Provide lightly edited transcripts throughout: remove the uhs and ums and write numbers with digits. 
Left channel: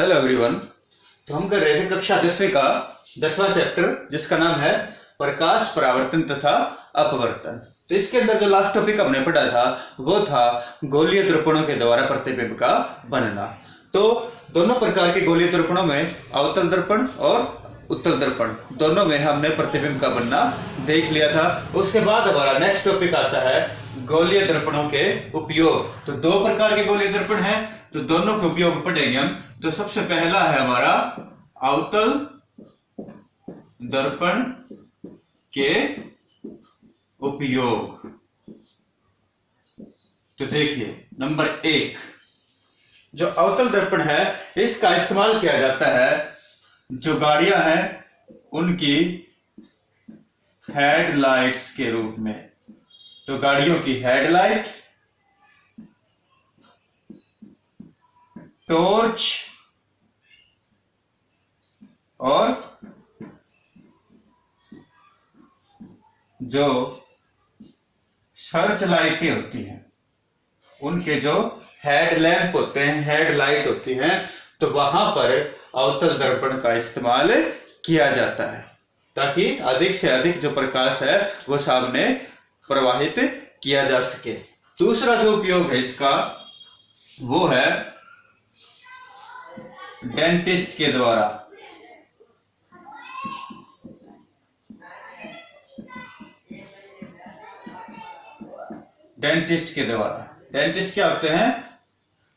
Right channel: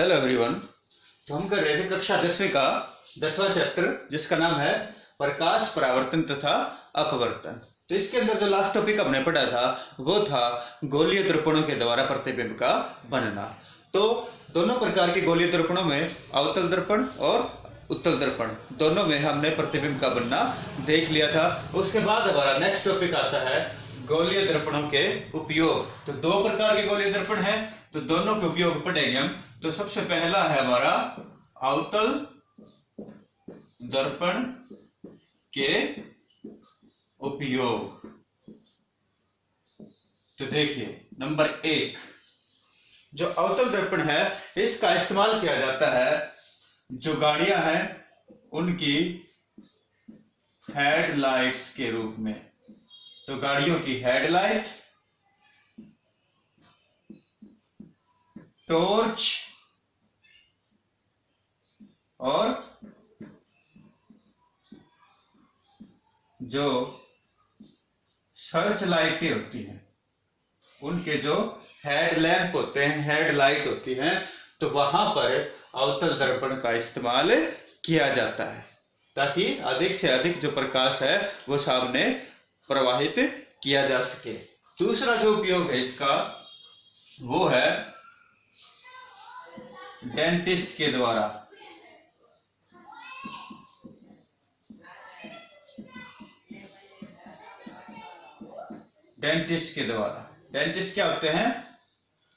Hello everyone. तो हम कर रहे थे कक्षा 10वीं का 10वां चैप्टर, जिसका नाम है प्रकाश परावर्तन तथा अपवर्तन। तो इसके अंदर जो लास्ट टॉपिक हमने पढ़ा था वो था गोलीय दर्पणों के द्वारा प्रतिबिंब का बनना। तो दोनों प्रकार के गोलीय दर्पणों में अवतल दर्पण और उत्तल दर्पण दोनों में हमने प्रतिबिंब का बनना देख लिया था। उसके बाद हमारा नेक्स्ट टॉपिक आता है गोलीय दर्पणों के उपयोग। तो दो प्रकार के गोलीय दर्पण हैं, तो दोनों के उपयोग पढ़ेंगे हम। तो सबसे पहला है हमारा अवतल दर्पण के उपयोग। तो देखिए, नंबर 1 जो अवतल दर्पण है, इसका इस्तेमाल किया जाता है जो गाड़ियां हैं उनकी हेडलाइट्स के रूप में। तो गाड़ियों की हेडलाइट, टॉर्च और जो सर्च लाइटें होती हैं, उनके जो हेडलैम्प होते हैं, हेडलाइट होती हैं, तो वहां पर अवतल दर्पण का इस्तेमाल किया जाता है ताकि अधिक से अधिक जो प्रकाश है वो सामने प्रवाहित किया जा सके। दूसरा जो उपयोग है इसका वो है डेंटिस्ट के द्वारा। डेंटिस्ट के द्वारा, डेंटिस्ट क्या होते हैं?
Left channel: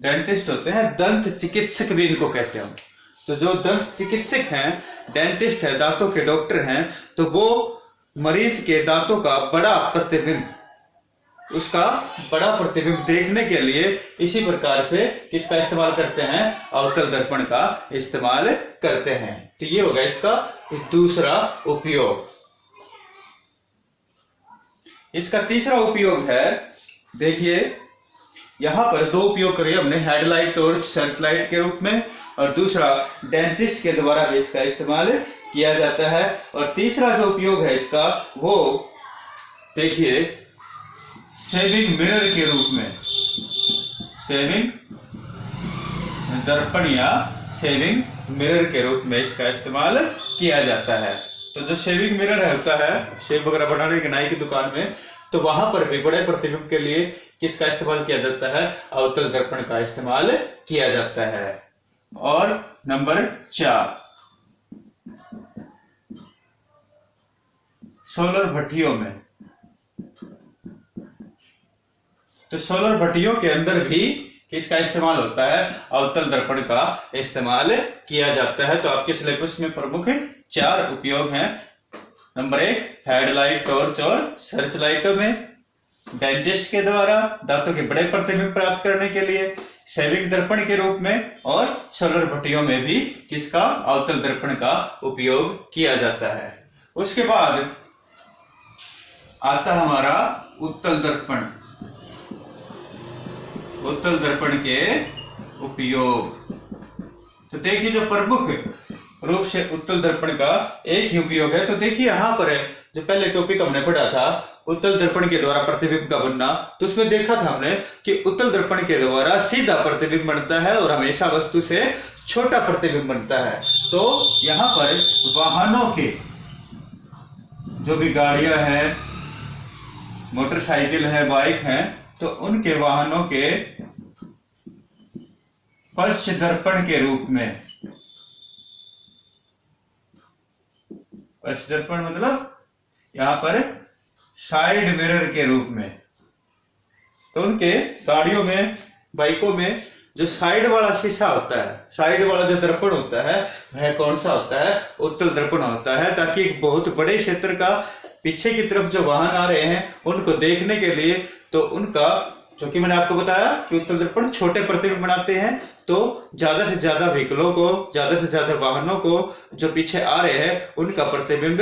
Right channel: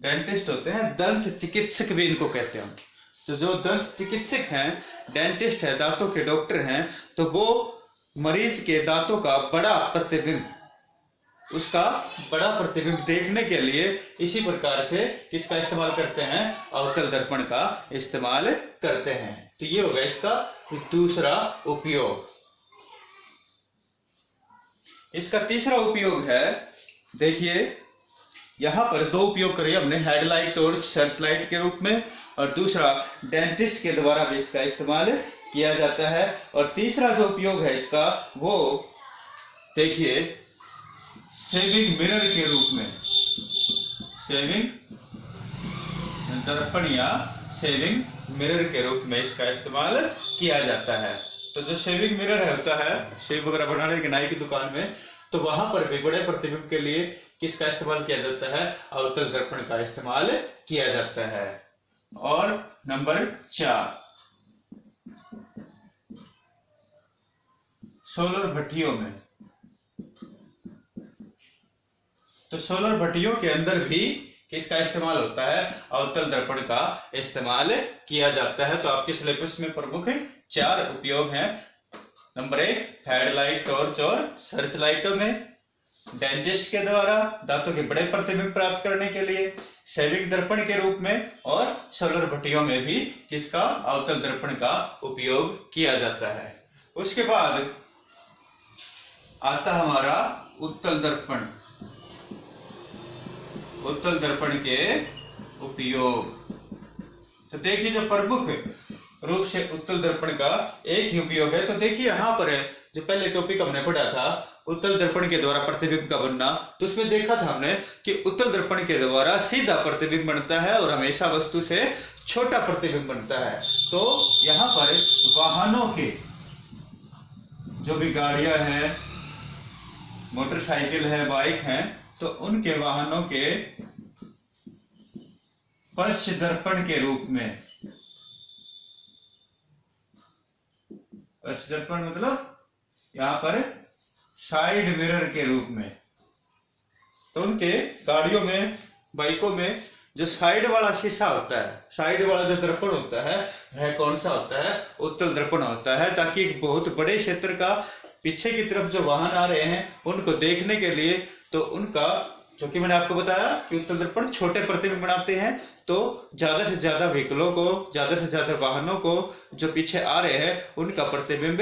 डेंटिस्ट होते हैं दंत चिकित्सक भी इनको कहते हैं। तो जो दंत चिकित्सक हैं, डेंटिस्ट है, दांतों के डॉक्टर हैं, तो वो मरीज के दांतों का बड़ा प्रतिबिंब, उसका बड़ा प्रतिबिंब देखने के लिए इसी प्रकार से किसका इस्तेमाल करते हैं? अवतल दर्पण का इस्तेमाल करते हैं। तो ये होगा इसका दूसरा उपयोग। इसका तीसरा उपयोग है, देखिए यहां पर दो उपयोग करे हमने, हेडलाइट और सर्च लाइट के रूप में, और दूसरा डेंटिस्ट के द्वारा भी इसका इस्तेमाल किया जाता है। और तीसरा जो उपयोग है इसका वो देखिए सेविंग मिरर के रूप में, सेविंग दर्पण या सेविंग मिरर के रूप में इसका इस्तेमाल किया जाता है। तो जो शेविंग मिरर होता है, शेव वगैरह बनाने की नाई की दुकान में, तो वहां पर भी बड़े प्रतिबिंब के लिए किसका इस्तेमाल किया जाता है? अवतल दर्पण का इस्तेमाल किया जाता है। और नंबर 4 सोलर भट्टियों में। तो सोलर भट्टियों के अंदर भी किसका इस्तेमाल होता है? अवतल दर्पण का इस्तेमाल किया जाता है। तो आपके सिलेबस में प्रमुख 4 उपयोग हैं। नंबर 1 हेडलाइट, टॉर्च और सर्च लाइटों में, डेंटिस्ट के द्वारा दांतों के बड़े प्रतिबिंब प्राप्त करने के लिए, सेविंग दर्पण के रूप में, और सोलर भट्टियों में भी किसका? अवतल दर्पण का उपयोग किया जाता है। उसके बाद आता हमारा उत्तल दर्पण। उत्तल दर्पण के उपयोग। तो देखिए जो प्रमुख रूप से उत्तल दर्पण का एक ही उपयोग है। तो देखिए यहां पर है जो पहले टॉपिक हमने पढ़ा था उत्तल दर्पण के द्वारा प्रतिबिंब का बनना, तो उसमें देखा था हमने कि उत्तल दर्पण के द्वारा सीधा प्रतिबिंब बनता है और हमेशा वस्तु से छोटा प्रतिबिंब बनता है। तो यहां पर वाहनों के जो भी गाड़ियां हैं, मोटरसाइकिल है, बाइक है, तो उनके वाहनों के पश्च दर्पण के रूप में, पश्च दर्पण मतलब यहां पर साइड मिरर के रूप में, तो उनके गाड़ियों में, बाइकों में जो साइड वाला शीशा होता है, साइड वाला जो दर्पण होता है, वह कौन सा होता है? उत्तल दर्पण होता है, ताकि एक बहुत बड़े क्षेत्र का पीछे की तरफ जो वाहन आ रहे हैं उनको देखने के लिए, तो उनका, जो कि मैंने आपको बताया कि उत्तल दर्पण छोटे प्रतिबिंब बनाते हैं, तो ज्यादा से ज्यादा व्हीकलों को, ज्यादा से ज्यादा वाहनों को जो पीछे आ रहे हैं उनका प्रतिबिंब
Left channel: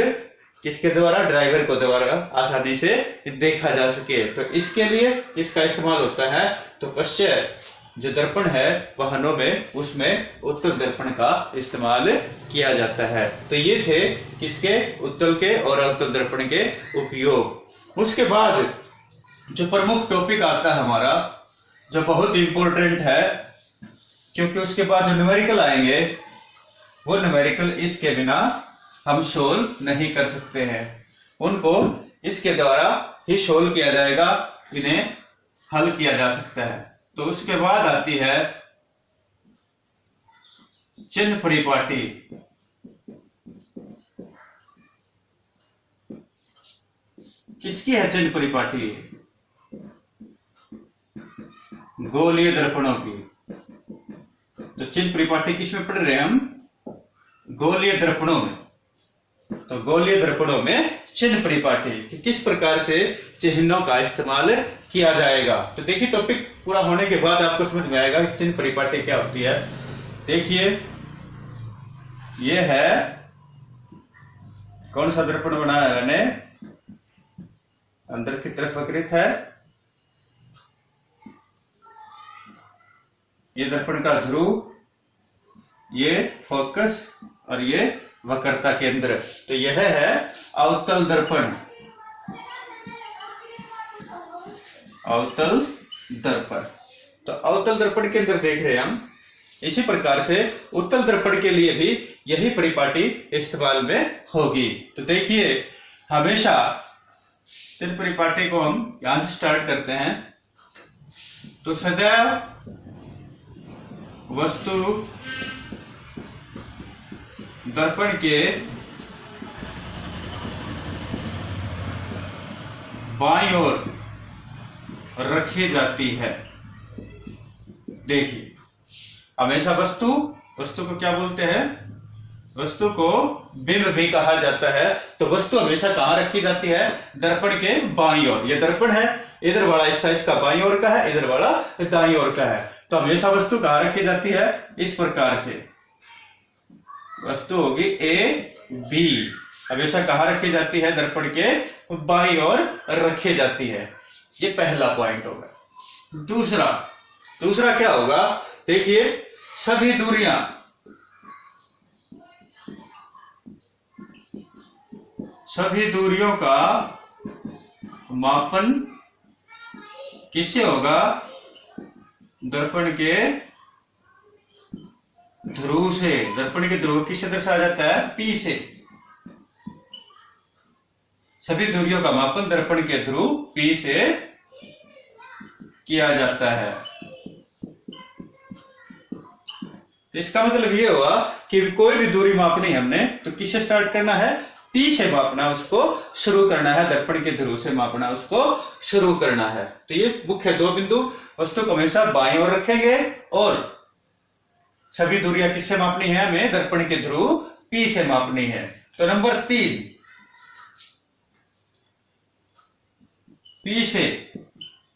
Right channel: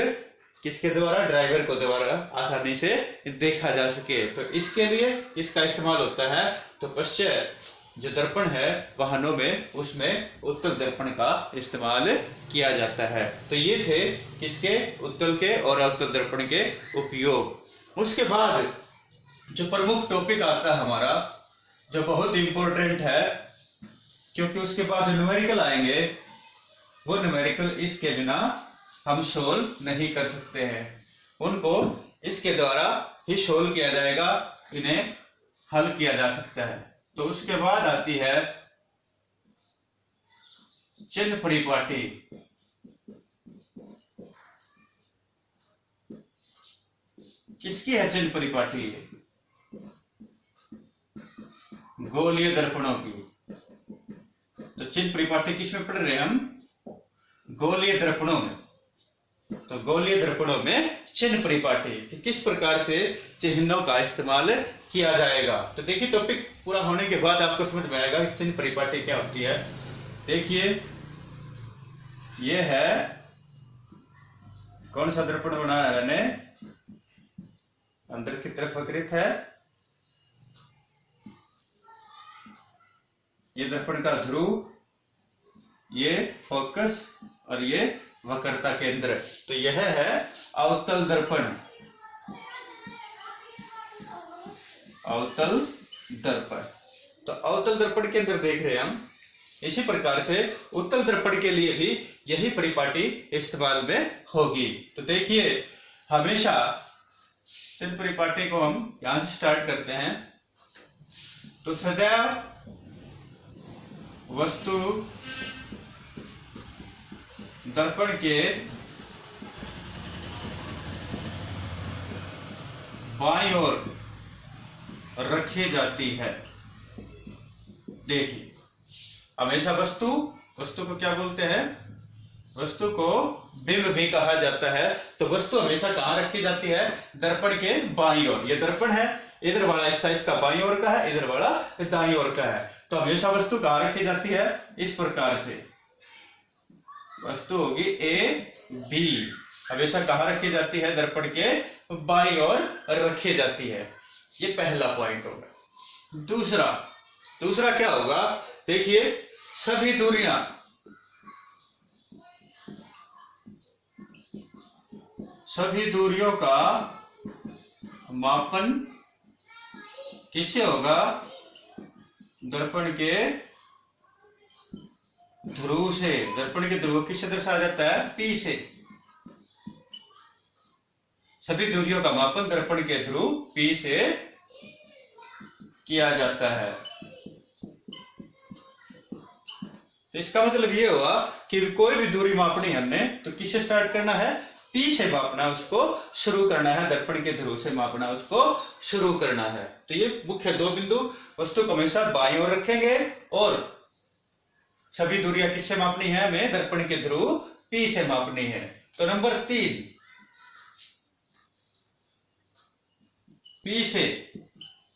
किसके द्वारा? ड्राइवर को द्वारा आसानी से देखा जा सके। तो इसके लिए इसका इस्तेमाल होता है। तो पश्चात जो दर्पण है वाहनों में, उसमें उत्तल दर्पण का इस्तेमाल किया जाता है। तो ये थे किसके? उत्तल के और अवतल दर्पण के उपयोग। उसके बाद जो प्रमुख टॉपिक आता है हमारा, जो बहुत इंपॉर्टेंट है, क्योंकि उसके बाद जो न्यूमेरिकल आएंगे वो न्यूमेरिकल इसके बिना हम सोल्व नहीं कर सकते हैं, उनको इसके द्वारा ही सोल्व किया जाएगा, इन्हें हल किया जा सकता है। तो उसके बाद आती है चिन्ह परिपाटी। किसकी है चिन्ह परिपाटी? गोलीय दर्पणों की। तो चिन्ह परिपाटी किस में पढ़ रहे हैं हम? गोलीय दर्पणों में। तो गोलीय दर्पणों में चिन्ह परिपाटी किस प्रकार से चिन्हों का इस्तेमाल किया जाएगा। तो देखिए टॉपिक पूरा होने के बाद आपको समझ में आएगा कि चिन्ह परिपाटी क्या होती है। देखिए ये है, कौन सा दर्पण बनाया है मैंने? अंदर की तरफ वक्रित है, ये दर्पण का ध्रुव, ये फोकस और ये वक्रता केंद्र। तो यह है अवतल दर्पण। अवतल दर्पण। तो अवतल दर्पण के अंदर देख रहे हैं हम। इसी प्रकार से उत्तल दर्पण के लिए भी यही परिपाटी इस्तेमाल में होगी। तो देखिए हमेशा चिन्ह परिपाटी को हम यहां से स्टार्ट करते हैं। तो सदैव वस्तु दर्पण के बाईं ओर रखी जाती है। देखिए हमेशा वस्तु को क्या बोलते हैं? वस्तु को बिंब भी कहा जाता है। तो वस्तु हमेशा कहां रखी जाती है? दर्पण के बाईं ओर। ये दर्पण है, इधर वाला हिस्सा इसका बाईं ओर का है, इधर वाला दाईं ओर का है। तो हमेशा वस्तु कहां रखी जाती है? इस प्रकार से वस्तु होगी ए बी, हमेशा कहां रखी जाती है? दर्पण के बाईं ओर रखी जाती है। ये पहला पॉइंट होगा। दूसरा क्या होगा? देखिए सभी दूरियों का मापन किससे होगा? दर्पण के ध्रुव से। दर्पण के ध्रुव किससे दर्शाया जाता है? P से। सभी दूरियों का मापन दर्पण के ध्रुव P से किया जाता है। तो इसका मतलब ये हुआ कि कोई भी दूरी मापनी है हमने तो किससे स्टार्ट करना है? P से मापना, उसको शुरू करना है। दर्पण के ध्रुव से मापना, उसको शुरू करना है। तो ये मुख्य दो बिंदु। वस्तु को हमेशा बाईं ओर रखेंगे और सभी दूरियां किससे मापनी है? हमें दर्पण के ध्रुव P से मापनी है। तो नंबर 3, P से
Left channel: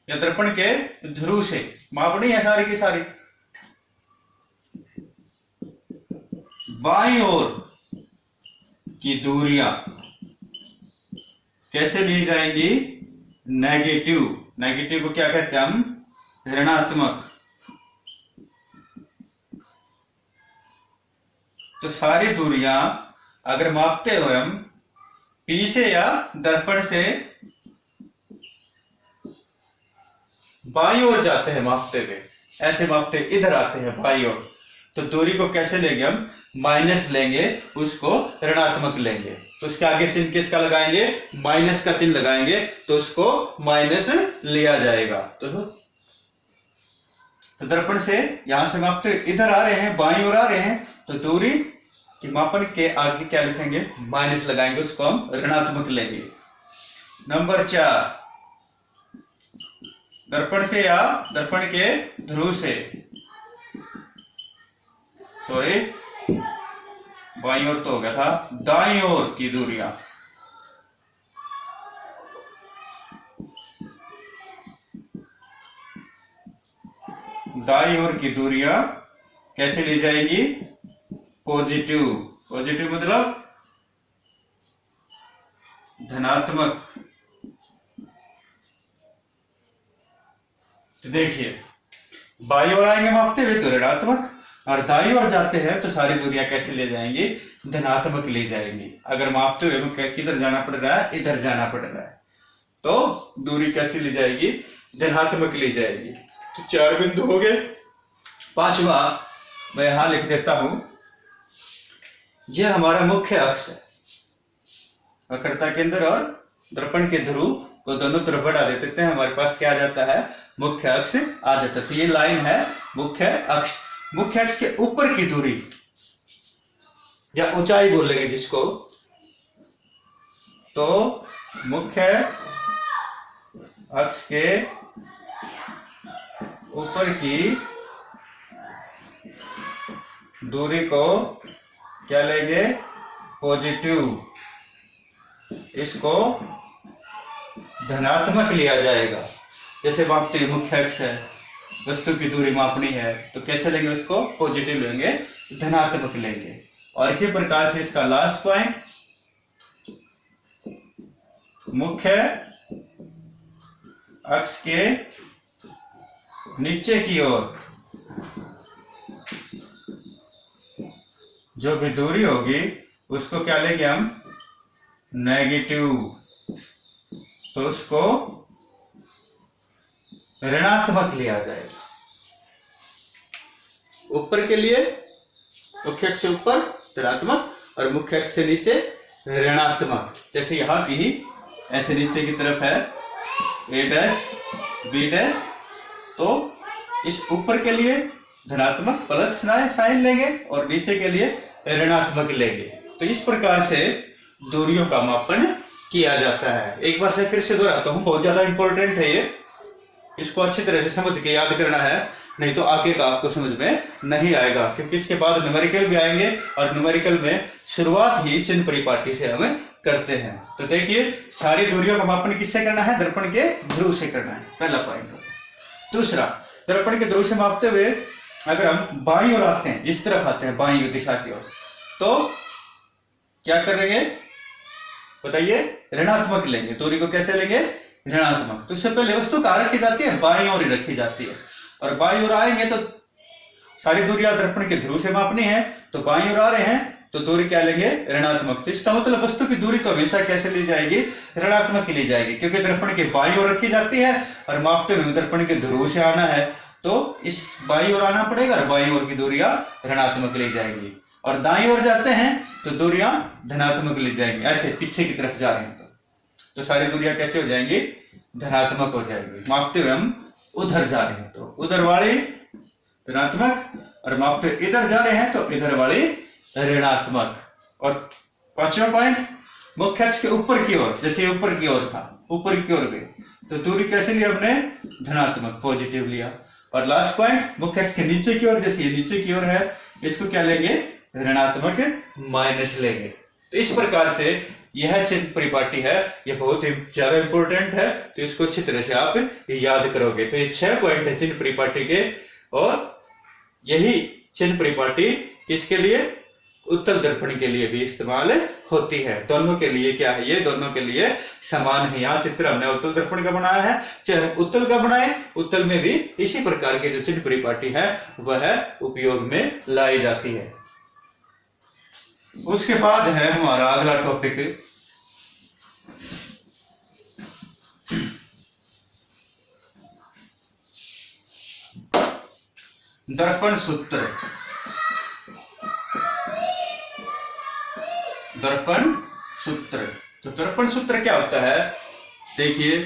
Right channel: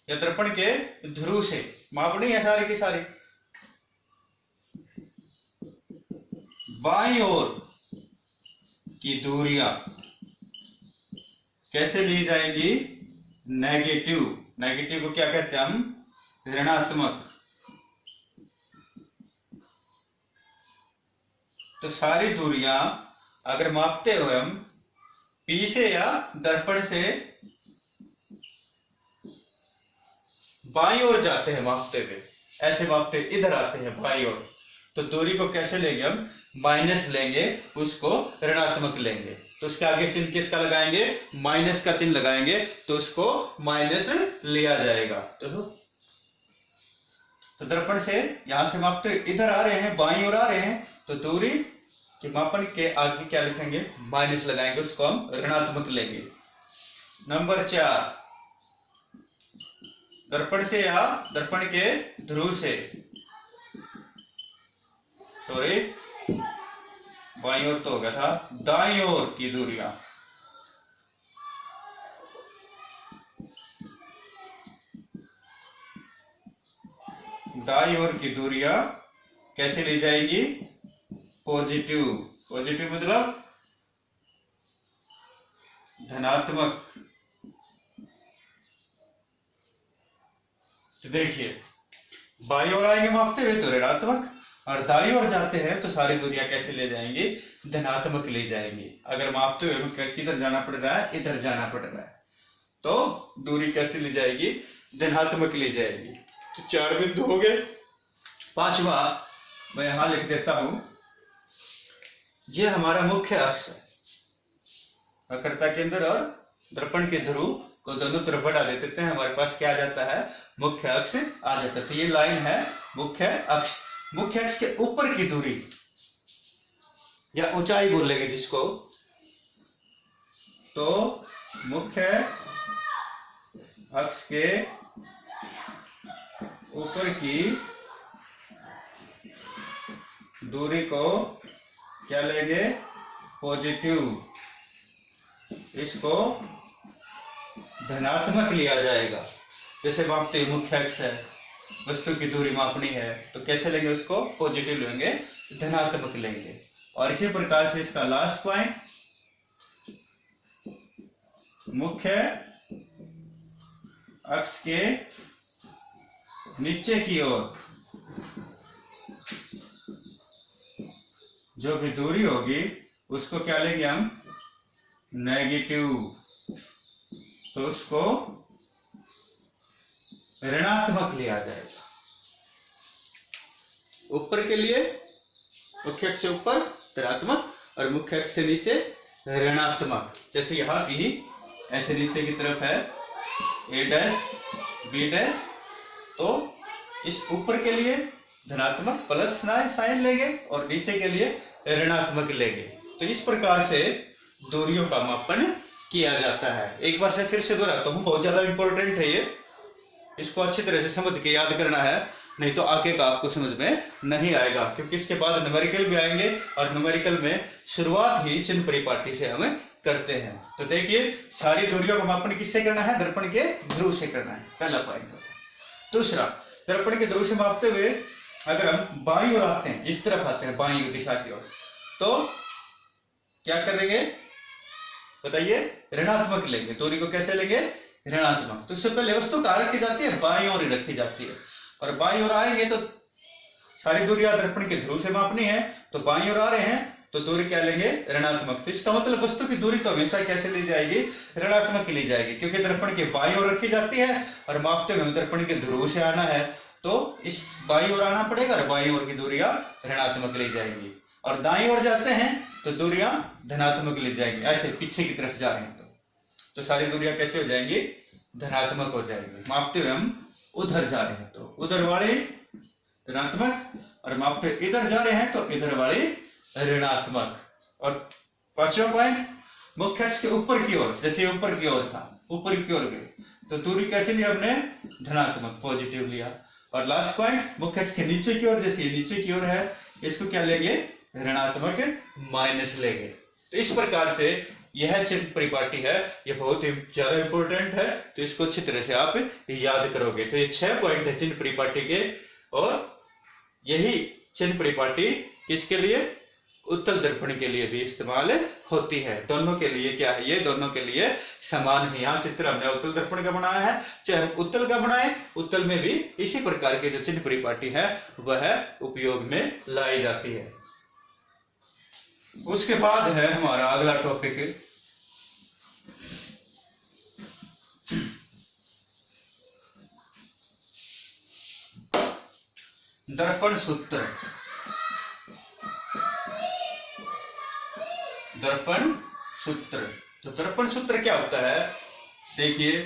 या दर्पण के ध्रुव से मापनी है सारी की सारी। बाईं ओर की दूरियां कैसे ली जाएंगी? नेगेटिव को क्या कहते हैं हम? ऋणात्मक। तो सारी दूरियां अगर मापते हुए हम P से या दर्पण से बाईं ओर जाते हैं मापते हुए, ऐसे मापते इधर आते हैं बाईं ओर, तो दूरी को कैसे लेंगे हम? माइनस लेंगे, उसको ऋणात्मक लेंगे। तो उसके आगे चिन्ह किसका लगाएंगे? माइनस का चिन्ह लगाएंगे, तो उसको माइनस लिया जाएगा। तो दर्पण से यहां से मापते इधर आ रहे हैं, बाईं ओर आ रहे हैं, तो दूरी की मापन के आगे क्या लिखेंगे? माइनस लगाएंगे, उसको हम ऋणात्मक लेंगे। नंबर 4, दर्पण से या दर्पण के ध्रुव से, सॉरी बाईं ओर तो हो गया था, दाईं ओर की दूरियां कैसे ली जाएगी? पॉजिटिव मतलब धनात्मक। तो देखिए बाईं ओर आएंगे मापते हुए तो ऋणात्मक, और दाईं ओर जाते हैं तो सारी दूरियां कैसे ले जाएंगी? धनात्मक ले जाएंगी। अगर मापते हुए हमें किधर जाना पड़ रहा है? इधर जाना पड़ रहा है, तो दूरी कैसे ली जाएगी? धनात्मक ली जाएगी। तो 4 बिंदु हो गए। 5वां मैं यहां लिख देता हूं, यह हमारा मुख्य अक्ष है। वक्रता केंद्र और दर्पण के ध्रुव को दोनों तरफ बढ़ा देते हैं, हमारे पास क्या आ जाता है, मुख्य अक्ष आ जाता है। तो ये लाइन है मुख्य अक्ष। मुख्य अक्ष के ऊपर की दूरी या ऊंचाई बोलेंगे जिसको, तो मुख्य अक्ष के ऊपर की दूरी को क्या लेंगे, पॉजिटिव, इसको धनात्मक लिया जाएगा। जैसे मापते हैं मुख्य अक्ष है, वस्तु की दूरी मापनी है, तो कैसे लेंगे उसको, पॉजिटिव लेंगे, धनात्मक लेंगे। और इसी प्रकार से इसका लास्ट पॉइंट, मुख्य अक्ष के नीचे की ओर जो भी दूरी होगी उसको क्या लेंगे हम, नेगेटिव, तो उसको ऋणात्मक लिया जाएगा। ऊपर के लिए मुख्य अक्ष से ऊपर धनात्मक और मुख्य अक्ष से नीचे ऋणात्मक। जैसे यहां की ऐसे नीचे की तरफ है ए डैश बी डैश, तो इस ऊपर के लिए धनात्मक प्लस साइन लेंगे और नीचे के लिए ऋणात्मक लेंगे। तो इस प्रकार से दूरियों का मापन किया जाता है। एक बार से फिर से दोहराता हूं, बहुत ज्यादा इंपॉर्टेंट है ये, इसको अच्छी तरह से समझ के याद करना है, नहीं तो आगे का आपको समझ में नहीं आएगा, क्योंकि इसके बाद न्यूमेरिकल भी आएंगे और न्यूमेरिकल में शुरुआत ही चिन्ह परिपाटी से हम करते हैं। तो देखिए, सारी दूरियों का मापन किससे करना है, दर्पण के ध्रुव से करना है, पहला पॉइंट। दूसरा, दर्पण के ध्रुव से मापते हुए अगर हम बाईं ओर आते हैं, इस तरफ आते हैं बाईं दिशा की ओर, तो क्या करेंगे बताइए, ऋणात्मक लेंगे। दूरी को कैसे लेंगे, ऋणात्मक। तो इससे पहले वस्तु कहाँ रखी जाती है, बाईं ओर ही रखी जाती है। और बाईं ओर आएंगे तो सारी दूरियां दर्पण के ध्रुव से मापनी है, तो बाईं ओर आ रहे हैं तो दूरी क्या लेंगे, ऋणात्मक। तो इसका मतलब वस्तु की दूरी तो हमेशा कैसे ली जाएगी, ऋणात्मक ही ली जाएगी, क्योंकि दर्पण के बाईं ओर रखी जाती है और मापते हुए दर्पण के ध्रुव से आना है, तो इस बाईं ओर आना पड़ेगा और बाईं ओर की दूरियां ऋणात्मक ली जाएंगी। और दाईं ओर जाते हैं तो दूरियां धनात्मक ली जाएंगी। ऐसे पीछे की तरफ जा रहे हैं तो सारी दूरियां कैसे हो जाएंगी, धनात्मक हो जाएंगी। मापते हुए हम उधर जा रहे हैं तो उधर वाली धनात्मक, और मापते हुए इधर जा रहे हैं तो इधर वाली ऋणात्मक। और पांचवा पॉइंट, मुख्य अक्ष के ऊपर की ओर, जैसे ऊपर की ओर था, ऊपर की ओर गए तो दूरी कैसे लिया हमने, धनात्मक, पॉजिटिव लिया। और लास्ट पॉइंट, मुख्य अक्ष के नीचे की ओर, जैसे ये नीचे की ओर है, इसको क्या लेंगे, ऋणात्मक, माइनस लेंगे। तो इस प्रकार से यह चिन्ह परिपाटी है, यह बहुत ही ज्यादा इंपॉर्टेंट है, तो इसको अच्छी तरह से आप याद करोगे। तो ये 6 पॉइंट है चिन्ह परिपाटी के, और यही चिन्ह परिपाटी किसके लिए, उत्तल दर्पण के लिए भी इस्तेमाल होती है। दोनों के लिए क्या है, ये दोनों के लिए समान है। यहाँ चित्र हमने उत्तल दर्पण का बनाया है, चाहे उत्तल का बनाए, उत्तल में भी इसी प्रकार के जो चिन्ह परिपाटी है वह उपयोग में लाई जाती है। उसके बाद है हमारा अगला टॉपिक, दर्पण सूत्र। दर्पण सूत्र, तो दर्पण सूत्र क्या होता है, देखिए,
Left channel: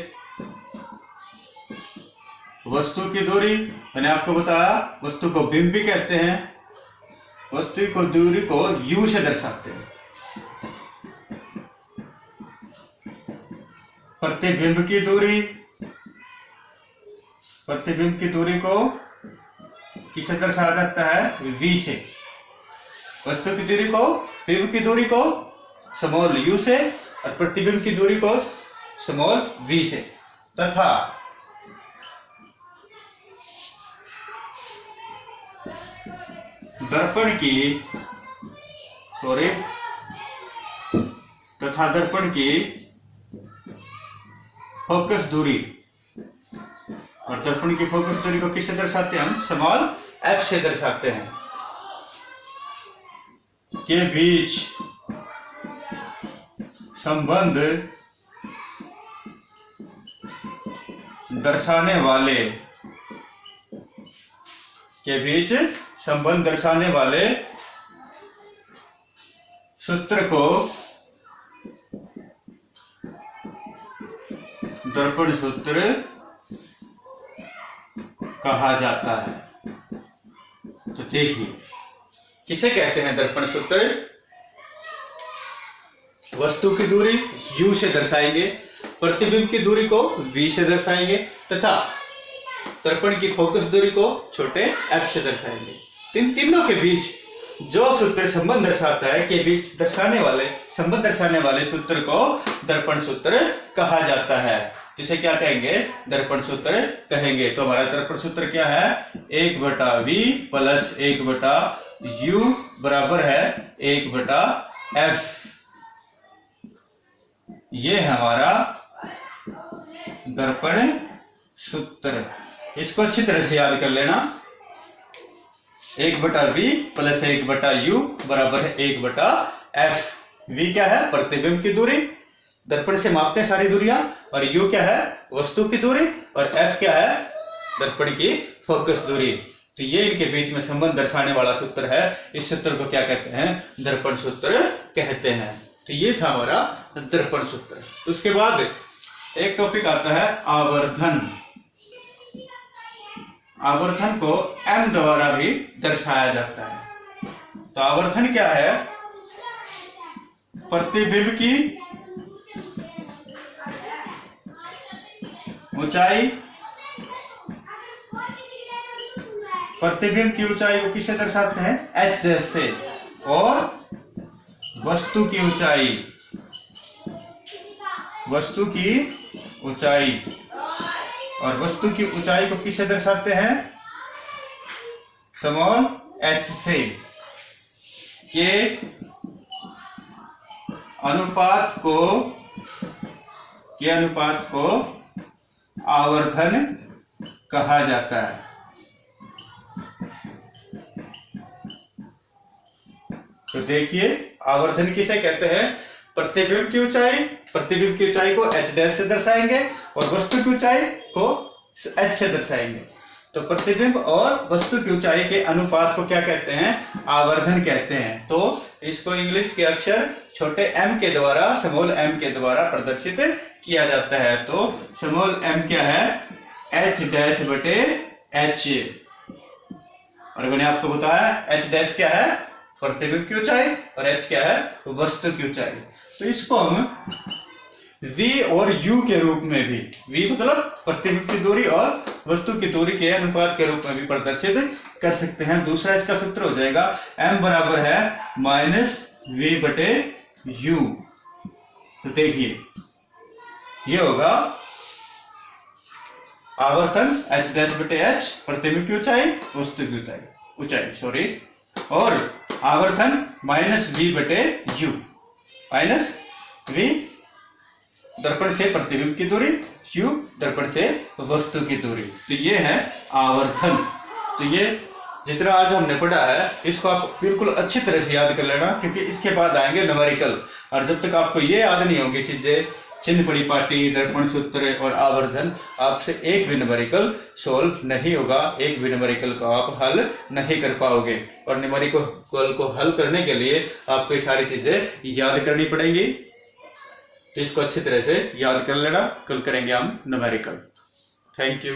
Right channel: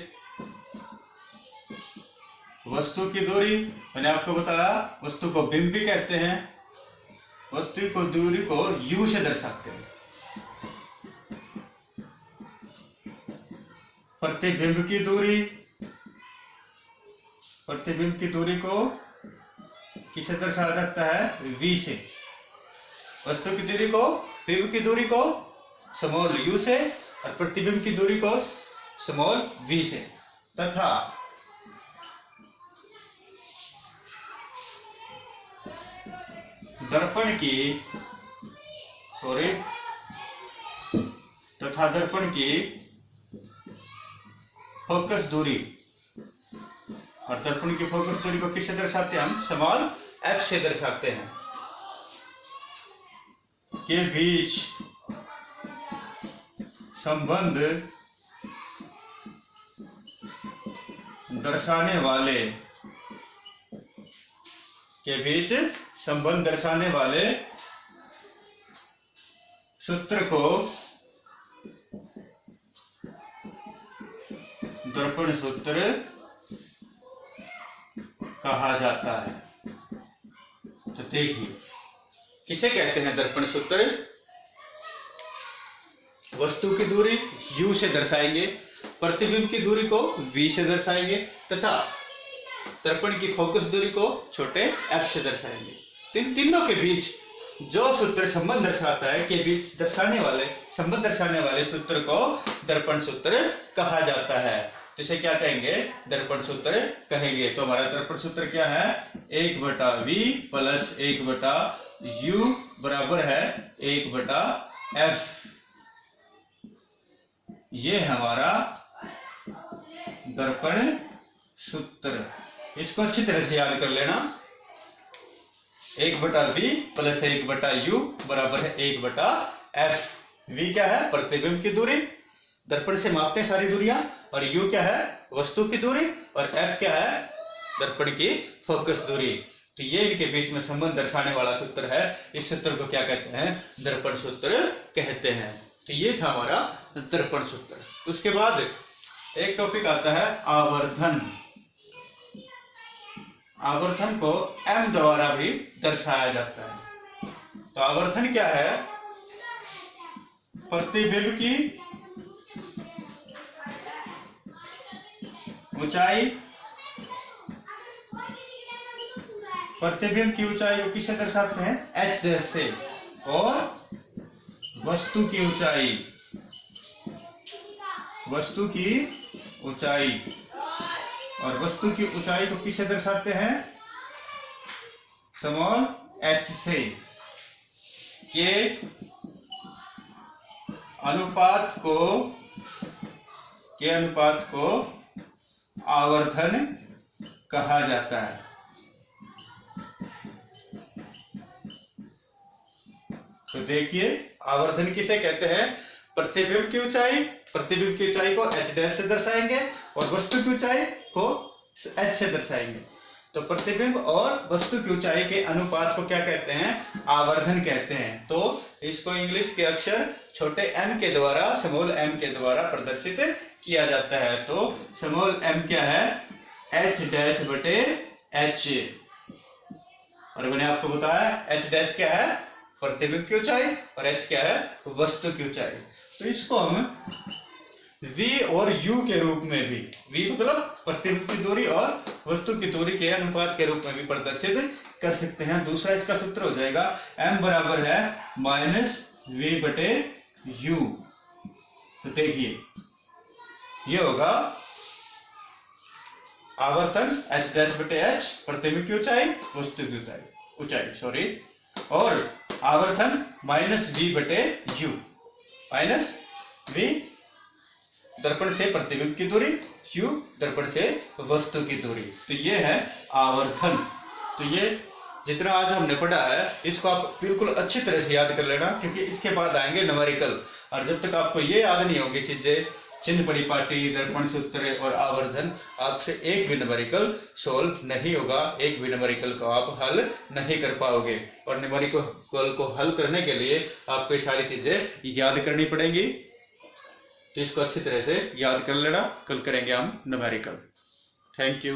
वस्तु की दूरी, मैंने आपको बताया वस्तु को बिंब भी कहते हैं, वस्तु को दूरी को u से दर्शाते हैं। प्रतिबिंब की दूरी, प्रतिबिंब की दूरी को किससे दर्शाया जाता है, v से। वस्तु की दूरी को, बिंब की दूरी को स्मॉल u से और प्रतिबिंब की दूरी को स्मॉल v से। तथा दर्पण की, तथा दर्पण की फोकस दूरी, और दर्पण की फोकस दूरी को किससे दर्शाते हैं हम, स्मॉल f से दर्शाते हैं, के बीच संबंध दर्शाने वाले के बीच संबंध दर्शाने वाले सूत्र को दर्पण सूत्र कहा जाता है। तो देखिए किसे कहते हैं दर्पण सूत्र? वस्तु की दूरी u से दर्शाएंगे, प्रतिबिंब की दूरी को v से दर्शाएंगे तथा दर्पण की फोकस दूरी को छोटे f से दर्शाएंगे। इन तीनों के बीच जो सूत्र संबंध दर्शाता है के बीच संबंध दर्शाने वाले सूत्र को दर्पण सूत्र कहा जाता है। तो इसे क्या कहेंगे? दर्पण सूत्र कहेंगे। तो हमारा दर्पण सूत्र क्या है? 1/v प्लस 1/u बराबर है 1/f। ये हमारा दर्पण सूत्र। इसको अच्छी तरह से याद कर लेना। 1/v प्लस 1/u बराबर है 1/f। v क्या है? प्रतिबिंब की दूरी, दर्पण से मापते हैं सारी दूरियां, और u क्या है? वस्तु की दूरी, और f क्या है? दर्पण की फोकस दूरी। तो ये इनके बीच में संबंध दर्शाने वाला सूत्र है। इस सूत्र को क्या कहते हैं? दर्पण सूत्र कहते हैं। तो ये था हमारा दर्पण सूत्र। उसके बाद एक टॉपिक आता है आवर्धन। आवर्धन को m द्वारा भी दर्शाया जाता है। तो आवर्धन क्या है? प्रतिबिंब की ऊंचाई, प्रतिबिंब की ऊंचाई को किससे दर्शाते हैं? h डैश से। और वस्तु की ऊंचाई, वस्तु की ऊंचाई, और वस्तु की ऊंचाई को किससे दर्शाते हैं? स्मॉल h से। के अनुपात को आवर्धन कहा जाता है। तो देखिए आवर्धन किसे कहते हैं? प्रतिबिंब की ऊंचाई को h डैश से दर्शाएंगे और वस्तु की ऊंचाई को h से दर्शाएंगे। तो प्रतिबिंब और वस्तु की ऊंचाई के अनुपात को क्या कहते हैं? आवर्धन कहते हैं। तो इसको इंग्लिश के अक्षर छोटे m के द्वारा, स्मॉल m के द्वारा प्रदर्शित किया जाता है। तो स्मॉल m क्या है? h डैश बटे h। और मैंने आपको बताया h डैश क्या है? प्रतिबिंब की ऊंचाई, और h क्या है? वस्तु की ऊंचाई। तो इसको हम v और u के रूप में भी, v मतलब प्रतिबिंब की दूरी और वस्तु की दूरी के अनुपात के रूप में भी प्रदर्शित कर सकते हैं। दूसरा इसका सूत्र हो जाएगा m बराबर है -v बटे u। तो देखिए ये होगा आवर्तन h डैश बटे h, प्रतिबिंब की ऊंचाई, वस्तु की ऊंचाई सॉरी, और आवर्तन -v बटे u, -v दर्पण से प्रतिबिंब की दूरी, u दर्पण से वस्तु की दूरी। तो ये है आवर्धन। तो ये जितना आज हमने पढ़ा है इसको आप बिल्कुल अच्छी तरह से याद कर लेना, क्योंकि इसके बाद आएंगे न्यूमेरिकल। और जब तक आपको ये याद नहीं होगी चीजें, चिन्ह परिपाटी, दर्पण सूत्र और आवर्धन, आपसे एक भी न्यूमेरिकल सोल्व नहीं होगा, एक भी न्यूमेरिकल को आप हल नहीं कर पाओगे। और न्यूमेरिकल को हल करने के लिए आपको ये सारी चीजें याद करनी पड़ेगी। तो इसको अच्छी तरह से याद कर लेना। कल करेंगे हम न्यूमेरिकल। Thank you.